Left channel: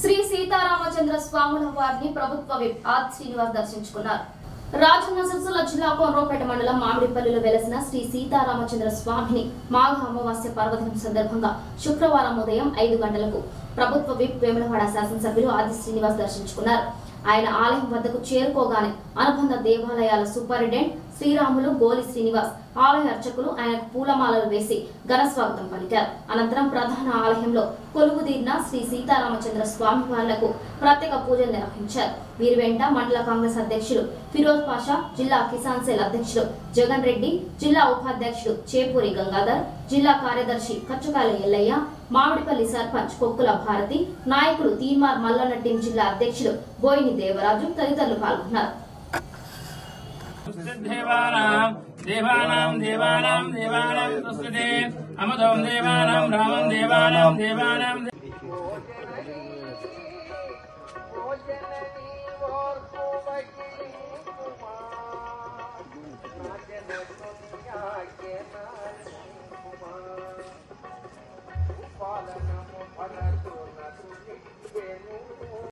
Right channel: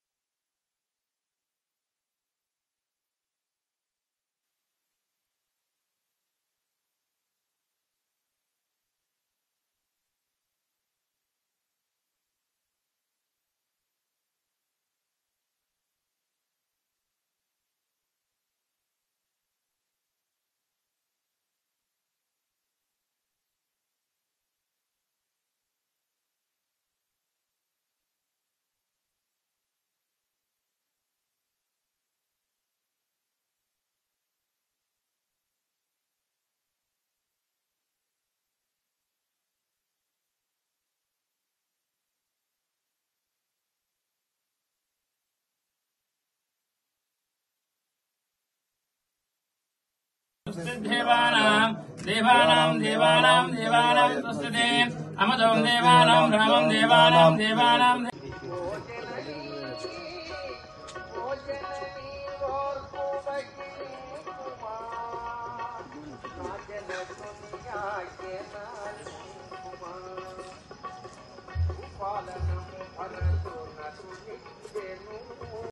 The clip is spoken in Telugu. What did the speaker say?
శ్రీ సీతారామచంద్ర స్వాముల వారిని ప్రభుత్వ విప్ ఆర్ శ్రీనివాస్ దర్శించుకున్నారు. రాజన్న సిరిసిల్ల జిల్లా కోనరావుపేట మండలం మామిడిపల్లిలో వెలసిన శ్రీ సీతారామచంద్ర స్వామిని మాఘ అమావాస్య పర్వదినం సందర్భంగా శుక్రవారం ఉదయం 5 గంటలకు ప్రభుత్వ విప్ వేములవాడ శాసనసభ్యులు ఆర్ శ్రీనివాస్ దర్శించుకున్నారు. ఆయన ఆలయం వద్దకు చేరుకోగానే అనుబంధ దేవాలయాల సూపరింటెండెంట్ శ్రీరాములు గోలి శ్రీనివాస్ ఆలయ అర్చకులు ఆయనకు పూలమాలలు వేసి ఘనస్వాగతం పలికారు. అనంతరం ప్రధాన ఆలయంలో కొలువుదీరిన శ్రీ సీతారామచంద్ర స్వామి వార్లకు ప్రత్యేక పూజలు నిర్వహించారు. వీరి వెంట మండల కాంగ్రెస్ అధ్యక్షులు ఫిరోజ్ పాషా, జిల్లా కిసాన్ సెల్ అధ్యక్షులు జగన్ రెడ్డి, జిల్లా ఉపాధ్యక్షుడు చేపూరి గంగాధర్, జిల్లా కార్యదర్శి కచ్చుకాల ఎల్లయ్య, మామిడిపల్లి సర్పంచ్ కొక్కుల భారతి, నాయకులు తీన్మార్ మల్లన్న టీం జిల్లా అధ్యక్షులు బోయిని దేవరాజు తదితరులు పాల్గొన్నారు.